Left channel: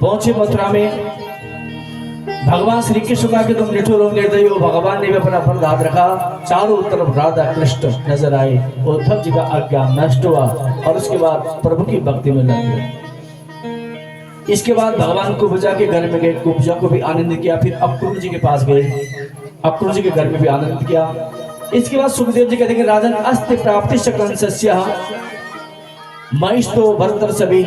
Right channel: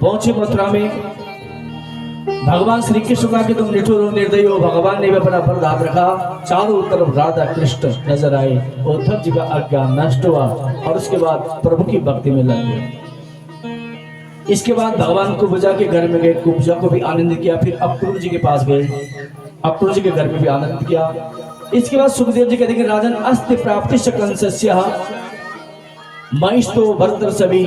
पहुंचे मथुरा में। भगवान श्री कृष्ण का कि तुम निठुर और निर्दयी हो। भगवान ने भी अपना फल हाथ रखा, चारों तरफ राधा कृष्ण नजर आए। उद्धव जी का अज्ञान नष्ट हुआ और उसके बाद प्रभु की भक्ति में लग गए। इसके बाद भगवान को बुझा के घर में गए, कुब्जा को भी आनंद किया। फिर अक्रूर जी के पास गए, अक्रूर जी के घर में भी आनंद किया। इसके बाद सुखदेव जी कहते हैं राजन अस्ति प्राप्ति कंसस्य महिष्ठो भर्तर सभी।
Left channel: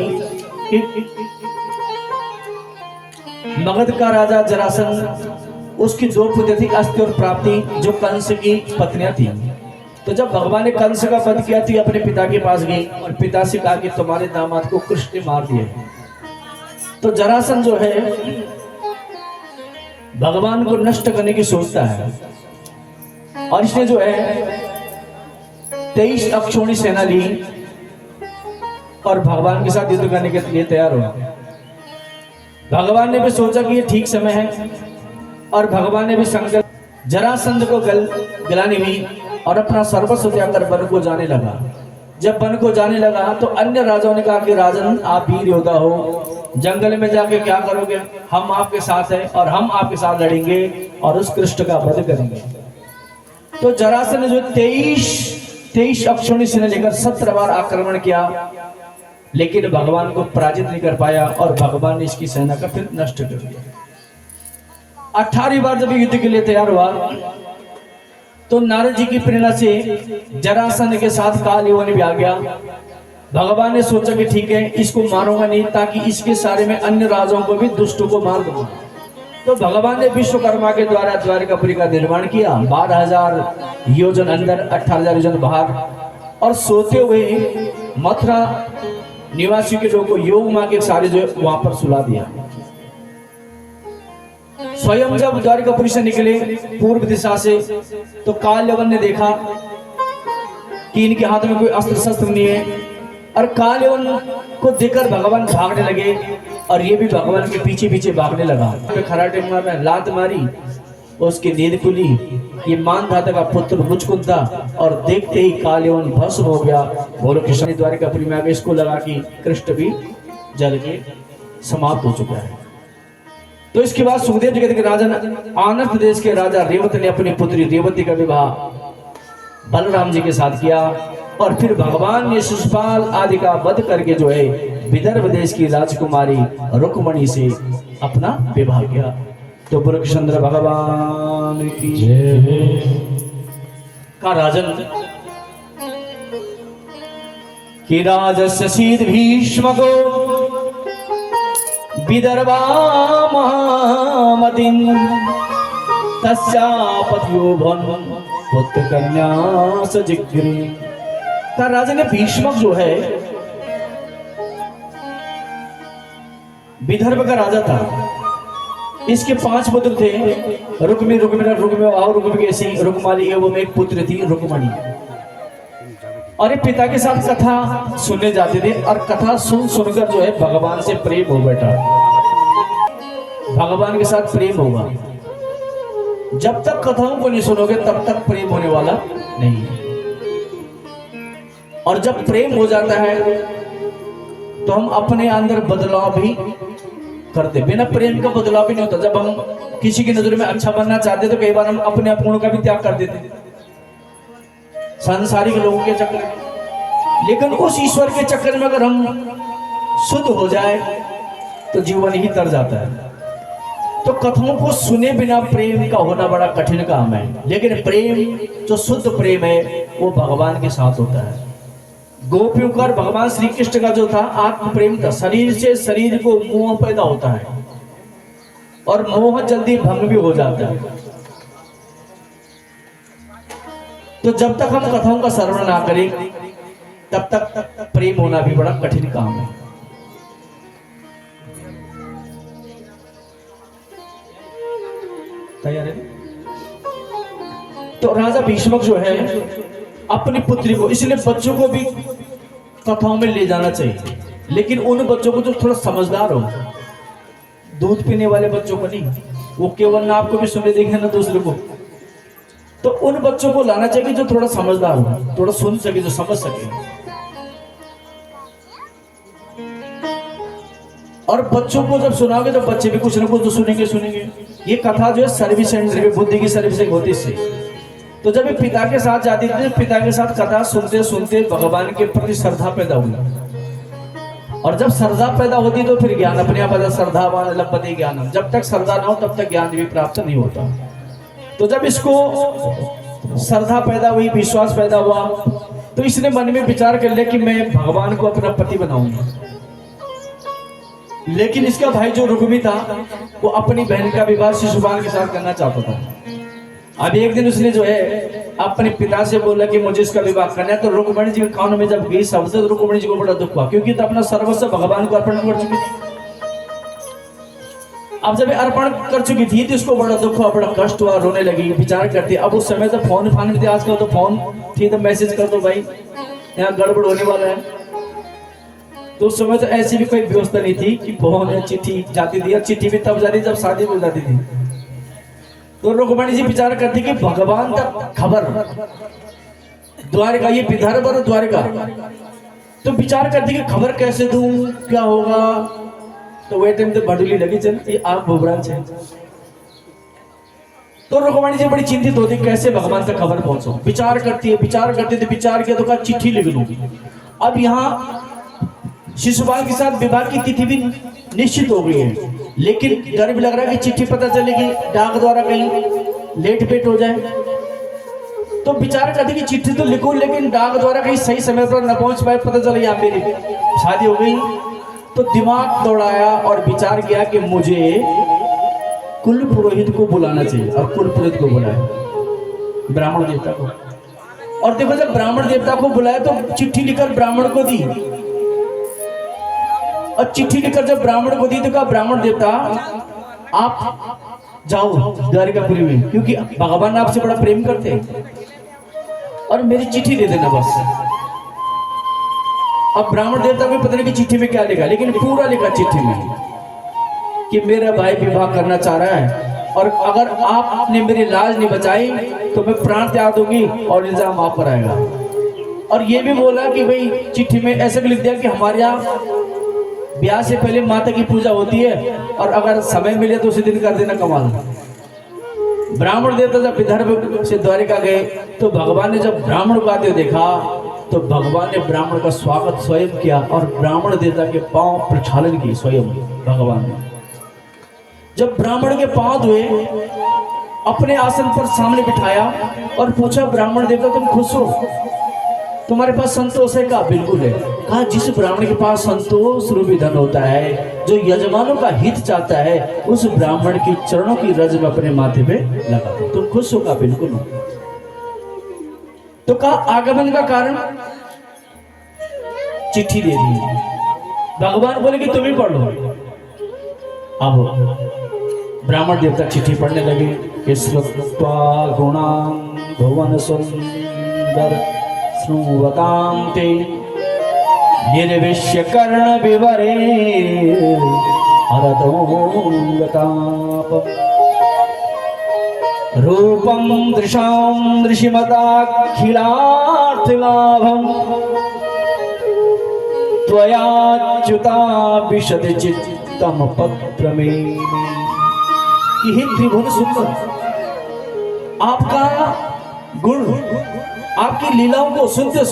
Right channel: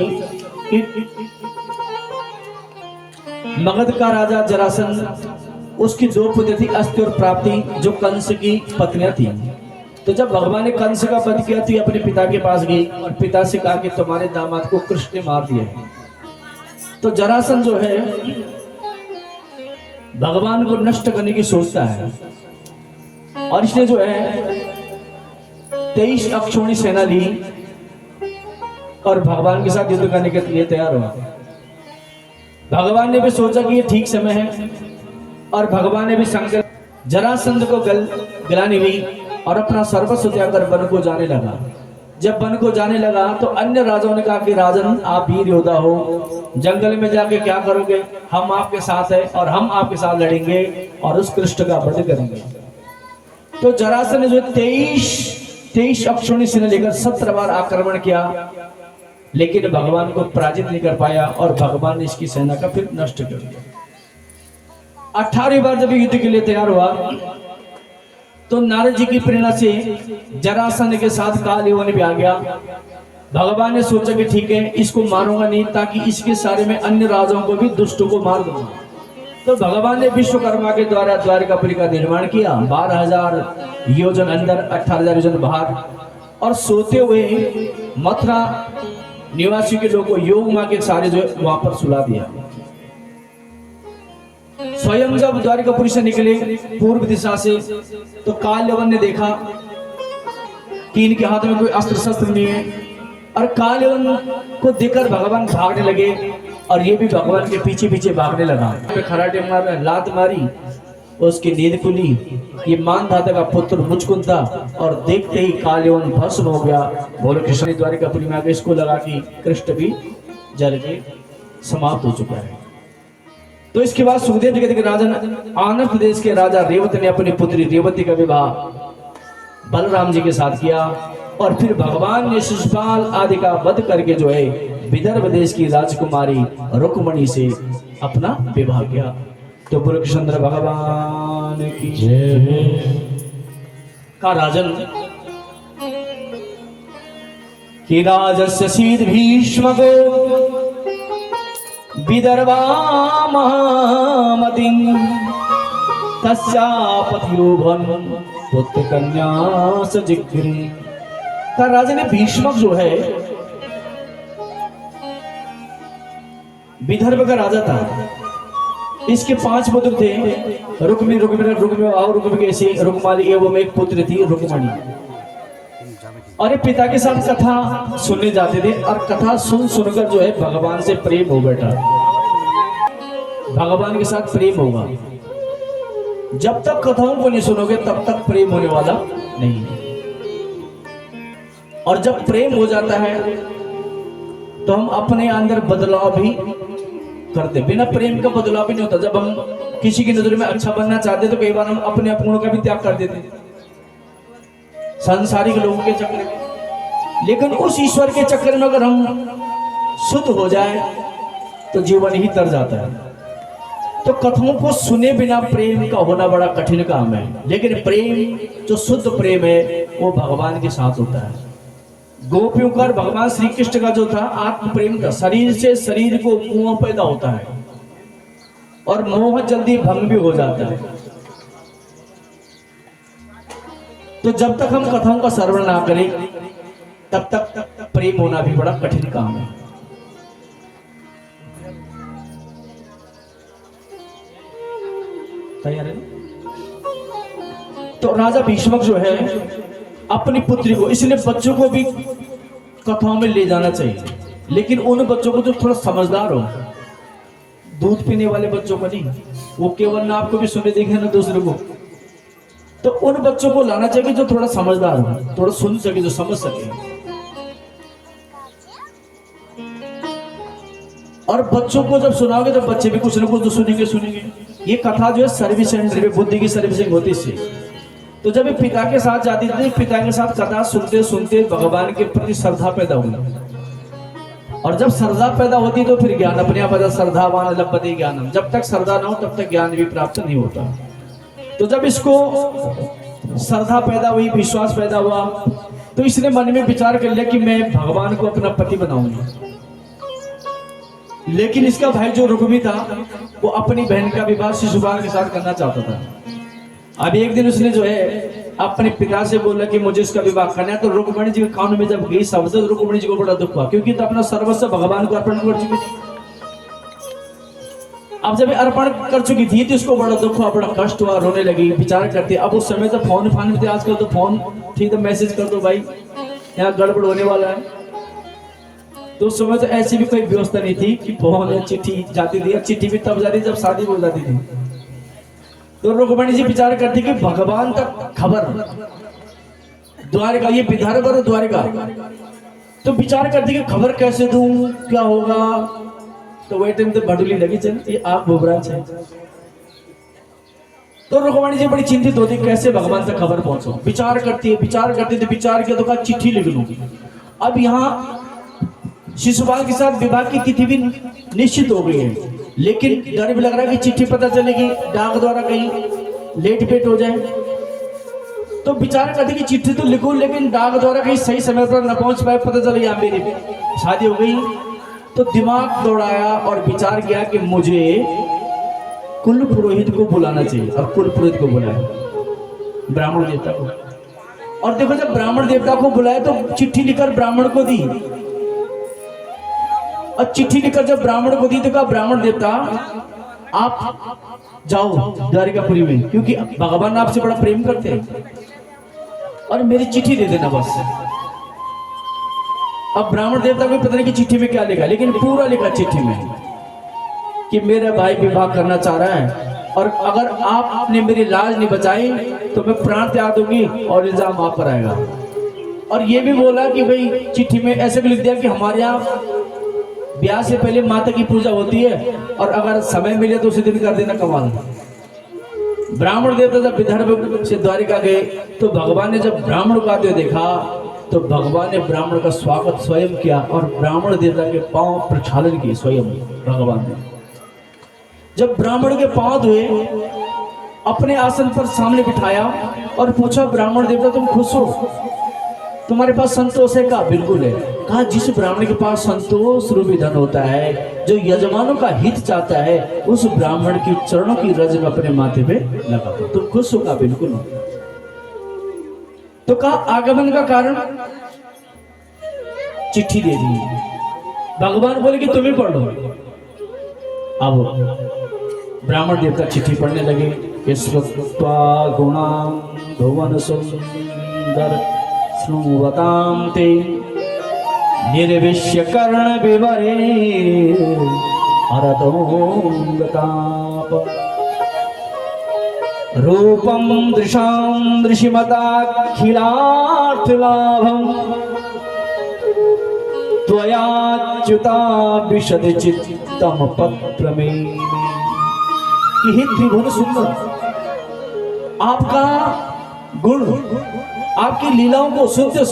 मगध का राजा जरासंध, उसकी दो पुत्र थी अस्ति और प्राप्ति, जो कंस की पत्नियां थी। तो जब भगवान ने कंस का वध किया तो अपने पिता के पास गई और पिता से कहा कि तुम्हारे दामाद को कृष्ण ने मार दिया। तो जरासंध जो है भगवान को नष्ट करने की सोचता है और इसने जो है 23 अक्षौणी सेना ली और भगवान के साथ युद्ध करने के लिए तैयार हुआ। भगवान ने भी सोचा कि ये ठीक समय है और भगवान ने भी संकल्प, जरासंध को गिलानी हुई और अपना सर्वस्व त्याग कर वन को जाने लगा। जब वन को जाने लगा तो अन्य राजाओं ने कहा कि राजन आप वीर योद्धा हो, जंगल में जाके क्या करोगे, हम आपके साथ हैं और हम आपके साथ लड़ेंगे और उस कृष्ण का वध करेंगे। तो जरासंध ने जो 23 अक्षौणी सेना लेकर 17 बार आक्रमण किया, लेकिन भगवान को पराजित नहीं कर पाया और भगवान ने इसकी सेना का फिर नष्ट कर दिया। 18वीं बार जब युद्ध के लिए तैयार हुआ तो नारद जी की प्रेरणा से जरासंध के साथ काल यवन भी आ गया। भगवान ने सोचा कि ठीक है इसको मारूंगा नहीं, ताकि इसके सारे में अन्य राजाओं को भी दुष्टों को मार दूंगा। तो भगवान ने विश्वकर्मा के द्वारा द्वारकापुरी का निर्माण किया। 12,000 योजन अंदर, 18,000 योजन बाहर, और सोते हुए मथुरा निवासी के लोगों को योग मां के सारे जो वहां पर सुला दिया। स्वयं जब द्वारकापुरी से निकले पूर्व दिशा से तो काल यवन ने देखा कि इनके हाथ में कोई अस्त्र शस्त्र नहीं है और काल यवन को देखकर भगवान भागने लगे और ये भी भगवान के पीछे पीछे भागने लगा। खराटे मारा, लात मारी, उसकी नींद खुली। ये मानधाता का पुत्र मुचकुंद था और देखते ही काल यवन भस्म हो गया। बोलो कृष्ण द्वारकापुरी में आगे इसको लगा कि कृष्ण भी जल के समाप्त हो चुका है। तो इसके बाद सुखदेव जी कहते हैं राजन आनंद प्रदेश के राजा रेवत ने अपनी पुत्री रेवती का विवाह बलराम जी के साथ किया और फिर भगवान ने शिशुपाल आदि का वध करके जो है विदर्भ देश की राजकुमारी रुक्मणी से अपना विवाह किया। तो कृष्ण भगवान की जय। का राजन कि राजस्य शीत भीष्म को विदर्भा महामतिं तस्यापत्यो भन पुत्र कन्या सजिग्री। का राजा ने भीष्मक जो है विदर्भ का राजा था। इसके 5 पुत्र थे, रुक्मी, रुक्माली एवं एक पुत्र थी रुक्मणी। और ये पिता के साथ कथा सुनने जाते थे और कथा सुनकर जो है भगवान से प्रेम हो बैठा। भगवान के साथ प्रेम होगा। जब तक कथाओं को नहीं सुनोगे तब तक प्रेम होने वाला नहीं। और जब प्रेम हो जाता है तो हम अपने अंदर बदलाव भी करते। बिना प्रेम का बदलाव भी नहीं होता। जब हम किसी की नजर में अच्छा बनना चाहते तो कई बार हम अपने अपनों का भी त्याग कर देते सांसारिक लोगों के चक्कर में। लेकिन उस ईश्वर के चक्कर में अगर हम शुद्ध हो जाए तो जीवन ही तर जाता है। तो कथाओं को सुने बिना प्रेम का होना बड़ा कठिन काम है। लेकिन प्रेम जो शुद्ध प्रेम है वो भगवान के साथ होता है। गोपियों का भगवान श्री कृष्ण का जो था आत्म प्रेम था। शरीर से शरीर को मोह पैदा होता है और मोह जल्दी भंग भी हो जाता है। तो जब तक हम कथाओं का श्रवण ना करें तब तक प्रेम होना भी बड़ा कठिन काम है। तैयार है? तो राजा भीष्मक जो है अपनी पुत्री को, इसलिए बच्चों को भी कथाओं में ले जाना चाहिए, लेकिन उन बच्चों को जो थोड़ा समझदार हो। दूध पीने वाले बच्चों को नहीं, वो केवल ना आपको भी सुने देखे ना दूसरे को। तो उन बच्चों को लाना चाहिए जो थोड़ा समझदार हो, थोड़ा सुन सके, जो समझ सके। और बच्चों को जब सुनाओगे तो बच्चे भी कुछ ना कुछ तो सुनेंगे। ये कथा जो है सर्विस सेंटर में बुद्धि की सर्विसिंग होती इससे। तो जब ये पिता के साथ जाती थी, पिता के साथ कथा सुनते सुनते भगवान के प्रति श्रद्धा पैदा हुई। और जब श्रद्धा पैदा होती तो फिर ज्ञान अपने आप। श्रद्धावान लभते ज्ञानम, जब तक श्रद्धा ना हो तब तक ज्ञान भी प्राप्त नहीं होता। तो जब इसको श्रद्धा पैदा हुई, विश्वास पैदा हुआ, तो इसने मन में विचार कर लिया कि मैं भगवान को अपना पति बनाऊंगा। लेकिन इसका भाई जो रुक्मी था वो अपनी बहन का विवाह शिशुपाल के साथ करना चाहता था। अब एक दिन उसने जो है अपने पिता से बोला कि मुझे इसका विवाह करना है। तो रुक्मिणी जी के कान में जब गई शब्द तो रुक्मिणी जी को बड़ा दुख हुआ, क्योंकि तो अपना सर्वस्व भगवान को अर्पण कर चुकी थी। अब जब अर्पण कर चुकी थी तो उसको बड़ा दुख हुआ, बड़ा कष्ट हुआ, रोने लगी, विचार करती। अब उस समय तो फोन फान थे, आजकल तो फोन थी तो मैसेज कर दो भाई यहाँ गड़बड़ होने वाला है। तो उस समय तो ऐसी भी कोई व्यवस्था नहीं थी कि फोन या चिट्ठी जाती थी। चिट्ठी भी तब जाती जब शादी हो जाती थी। तो रुक्मिणी जी विचार करती कि भगवान तक खबर द्वारका, ये विदर्भ और द्वारका, तो विचार करती कि खबर कैसे दूं, क्या होगा। तो वही टाइम तो भड़ुली लगी चलती आप भुबराज है। तो रुक्मिणी जी बड़ी चिंतित होती कैसे भगवान तक खबर पहुंचो। विचार करती है, विचार किया तो कहा चिट्ठी लिख लूंगी। अब यहाँ शिशुपाल के साथ विवाह की तिथि भी निश्चित हो गई है, लेकिन डर भी लग रहा है कि चिट्ठी पता चलेगी डाक द्वारा कहीं लेट पेट हो जाए। तो विचार करती कि चिट्ठी तो लिखूं लेकिन डाक द्वारा कहीं सही समय पर न पहुंच पाए, पता चले या मेरी शादी हो गई। तो दिमाग दौड़ाया और विचार किया कि मुझे कुल पुरोहित को बुलाना चाहिए। और कुल पुरोहित को बुलाया, ब्राह्मण देवता को। और देखो जब ब्राह्मण देवता को बुलाया तो चिट्ठी लिखकर ब्राह्मण को दी। और चिट्ठी लिखकर जब ब्राह्मण को दी तो कहा ब्राह्मण देवता आप जाओ द्वारिकापुरी में, क्योंकि भगवान आपसे बड़ा प्रेम करते हैं, और मेरी चिट्ठी दे देना बस। अब ब्राह्मण देवता को पता नहीं कि चिट्ठी में क्या लिखा, लेकिन पूरा लिखा चिट्ठी में कि मेरा भाई विवाह करना चाह रहा है, और अगर आपने मेरी लाज नहीं बचाई तो मैं प्राण त्याग दूंगी और इल्जाम आप पर आएगा। और ये भी बोला कि भाई चिट्ठी में ऐसे भी लिख दिया कि हमारे यहाँ ब्याह से पहले माता की पूजा होती है, और अगर समय मिले तो उसी दिन कर देना कमाल। ब्राह्मण देवता जब विदर्भ से द्वारिका गए तो भगवान ने जब ब्राह्मण को आते देखा तो भगवान ने ब्राह्मण का स्वागत स्वयं किया और ब्राह्मण देवता के पांव प्रक्षालन की स्वयं भगवान ने। जब ब्राह्मण के पांव धोए, अपने आसन पर सामने बिठाया और पूछा ब्राह्मण देवता तुम खुश हो, तुम्हारे पास संतोष है? कहा बिल्कुल है। कहा जिस ब्राह्मण के पास संतोष रूपी धन होता है, जो यजमानों का हित चाहता है, उस ब्राह्मण की चरणों की रज में अपने माथे पे लगा दो। तुम खुश हो? कहा बिल्कुल। तो कहा आगमन का कारण? चिट्ठी दे दी। भगवान बोले कि तुम ही पढ़ लो। अब ब्राह्मण देवता चिट्ठी पढ़ने लगे कि श्रुत्वा गुणां भुवन सुंदर श्रुवतां ते निर्विश्य कर्ण विवरे हरतोंगताप रूपं दृशां दृशिमताखिलार्थलाभं त्वयाच्युता विशद चित्तम पत्रमेमि। हे त्रिभुवन सुंदर, आपका गुण, आपकी लीलाओं को सुनते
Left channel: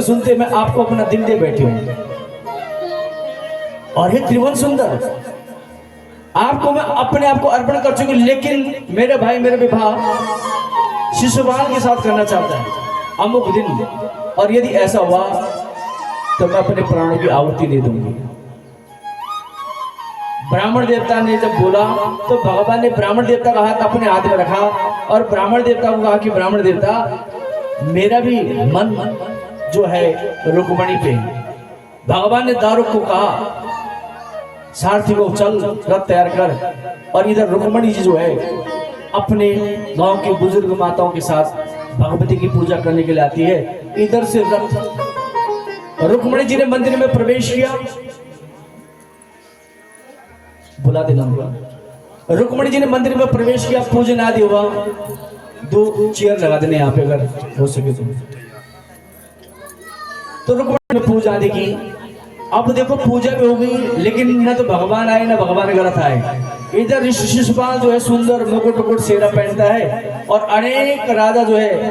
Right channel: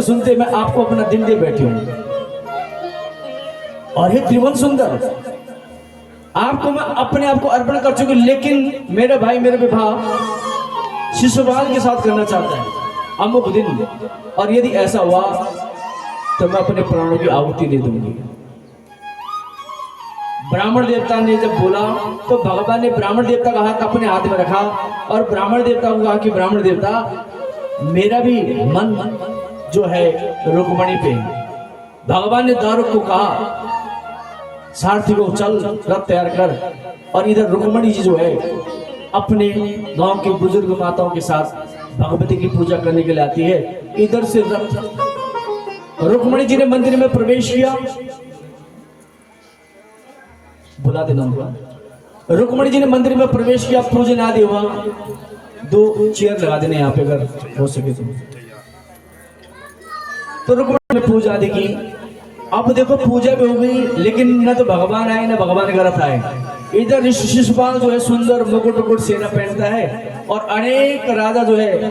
सुनते मैं आपको अपना दिल दे बैठी हूं। और हे त्रिभुवन सुंदर, आपको मैं अपने आप को अर्पण कर चुकी, लेकिन मेरे भाई मेरे विवाह शिशुपाल के साथ करना चाहता है अमुक दिन, और यदि ऐसा हुआ तो मैं अपने प्राणों की आहुति दे दूंगी। ब्राह्मण देवता ने जब बोला तो भगवान ने ब्राह्मण देवता का हाथ अपने हाथ में रखा और ब्राह्मण देवता को कहा कि ब्राह्मण देवता, मेरा भी मन जो है रुक्मिणी पे। भगवान ने दारुक को कहा सारथी को चल रथ तैयार कर, और इधर रुक्मिणी जी जो है अपने गांव की बुजुर्ग माताओं के साथ भगवती की पूजा करने के लिए आती है। इधर से रथ, रुक्मिणी जी ने मंदिर में प्रवेश किया। बुला देना होगा। रुक्मिणी जी ने मंदिर में प्रवेश किया, पूजन आदि हुआ। 2 चेयर लगा देने यहाँ पे अगर हो सके तो रुक्मिणी ने पूजा आदि की। अब देखो पूजा भी हो गई, लेकिन न तो भगवान आए न भगवान गलत आए। इधर शिशुपाल जो है सुंदर मुकुट मुकुट सेना पहनता है और अनेक राजा जो है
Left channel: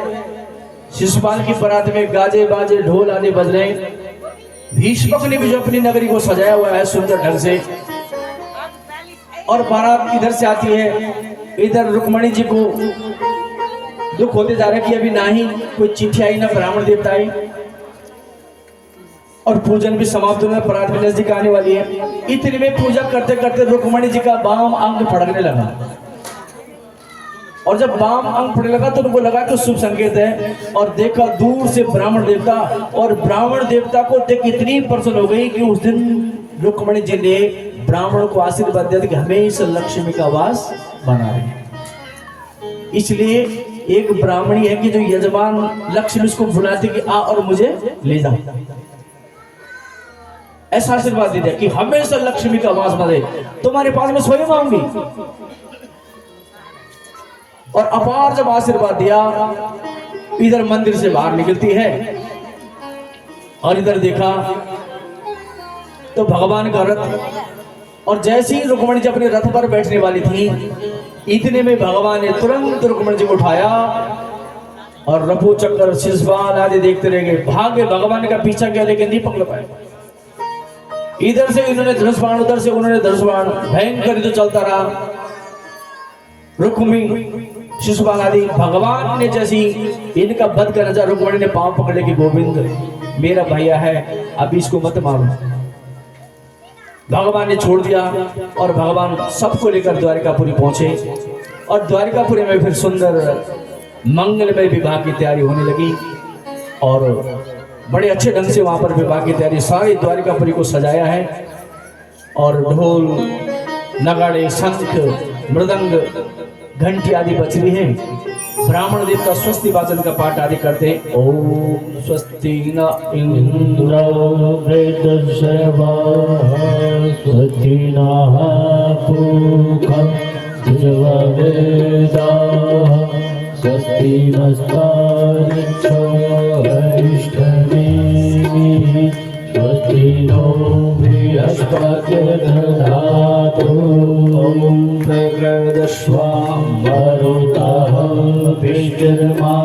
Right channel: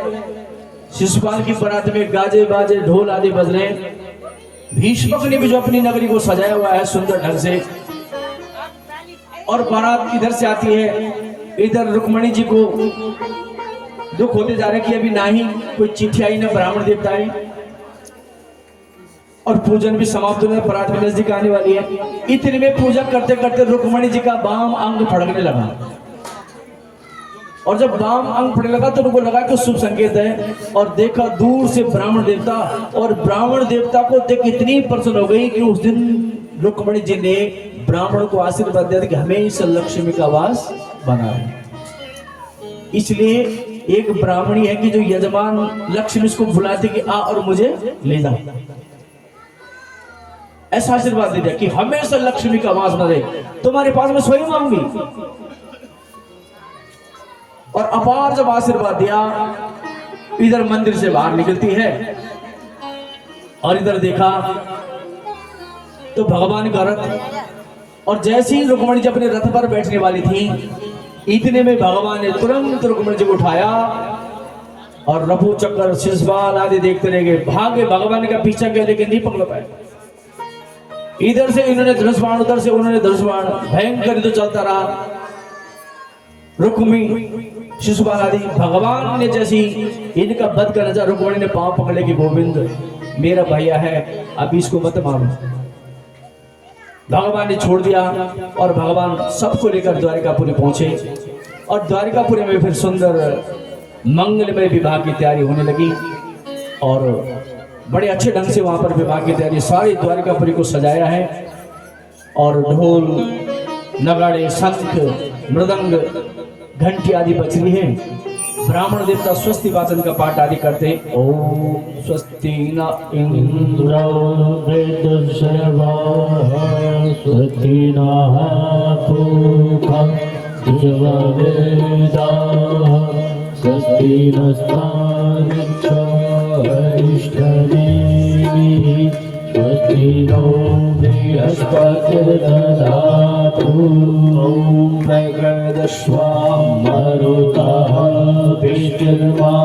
शिशुपाल की बारात में गाजे बाजे ढोल आदि बज रहे हैं। भीष्मक ने भी जो अपनी नगरी को सजाया हुआ है सुंदर ढंग से, और बारात इधर से आती है। इधर रुक्मणी जी को दुख होते जा रहे कि अभी ना ही कोई चिट्ठी आई ना ब्राह्मण देवता आई, और पूजन भी समाप्त होने, परात भी नजदीक आने वाली है। इतने में पूजा करते करते रुक्मणी जी का बाम अंग फड़कने लगा, और जब बाम अंग फड़ने लगा तो उनको लगा कि शुभ संकेत है, और देखा दूर से ब्राह्मण देवता, और ब्राह्मण देवता को देख इतनी प्रसन्न हो गई कि उस दिन रुक्मणी जी ने ब्राह्मण को आशीर्वाद दिया कि हमेशा लक्ष्मी का वास बना रहे। इसलिए एक ब्राह्मणी है कि जो यजमान लक्ष्मी उसको बुलाते कि आ और मुझे ले जा, ऐसा आशीर्वाद दे दिया कि हमेशा लक्ष्मी का वास बने, तुम्हारे पास में स्वयं आऊंगी। और अपार जब आशीर्वाद दिया, इधर मंदिर से बाहर निकलती है और इधर देखा तो भगवान का रथ, और जैसे ही रुक्मणी जी अपने रथ पर बैठने वाली थी, इतने में भगवान ने तुरंत रुक्मणी जी को उठाया और रफू चक्कर शिशुपाल आदि देखते रह गए। भाग्य भगवान का पीछा किया लेकिन नहीं पकड़ पाए। इधर से इन्होंने धनुष बाण, उधर से उन्होंने धनुष बाण, भयंकर तो चलता रहा। रुक्मी शिशुपाल आदि भगवान ने जैसी इनका वध का नजर, रुक्मणी ने पांव पकड़े कि गोविंद मेरा भैया है, अब इसको मत मारो। भगवान ने छोड़ दिया और भगवान सबको लेकर द्वारिकापुरी पहुंचे, और द्वारिकापुरी में फिर सुंदर मंगलमय विवाह की तैयारी होने लगी, और बड़े अच्छे ढंग से वहां पर विवाह की तैयारी, सारी द्वारिकापुरी को सजाया है, और ढोल नगाड़े शंख मृदंग घंटी आदि बज रही है। ब्राह्मण देवता स्वस्ति वाचन का पाठ आदि करते। ओम स्वस्ति न इंद्रो वृद्धश्रवा स्वस्ति नः पूषा देववेदा स्वस्ति नस्तारिक्षो अरिष्ठनेमिः स्वस्ति नो बृहस्पतिर्दधातु ॐ प्रकृदश्वा मरुतः विष्णुर्मा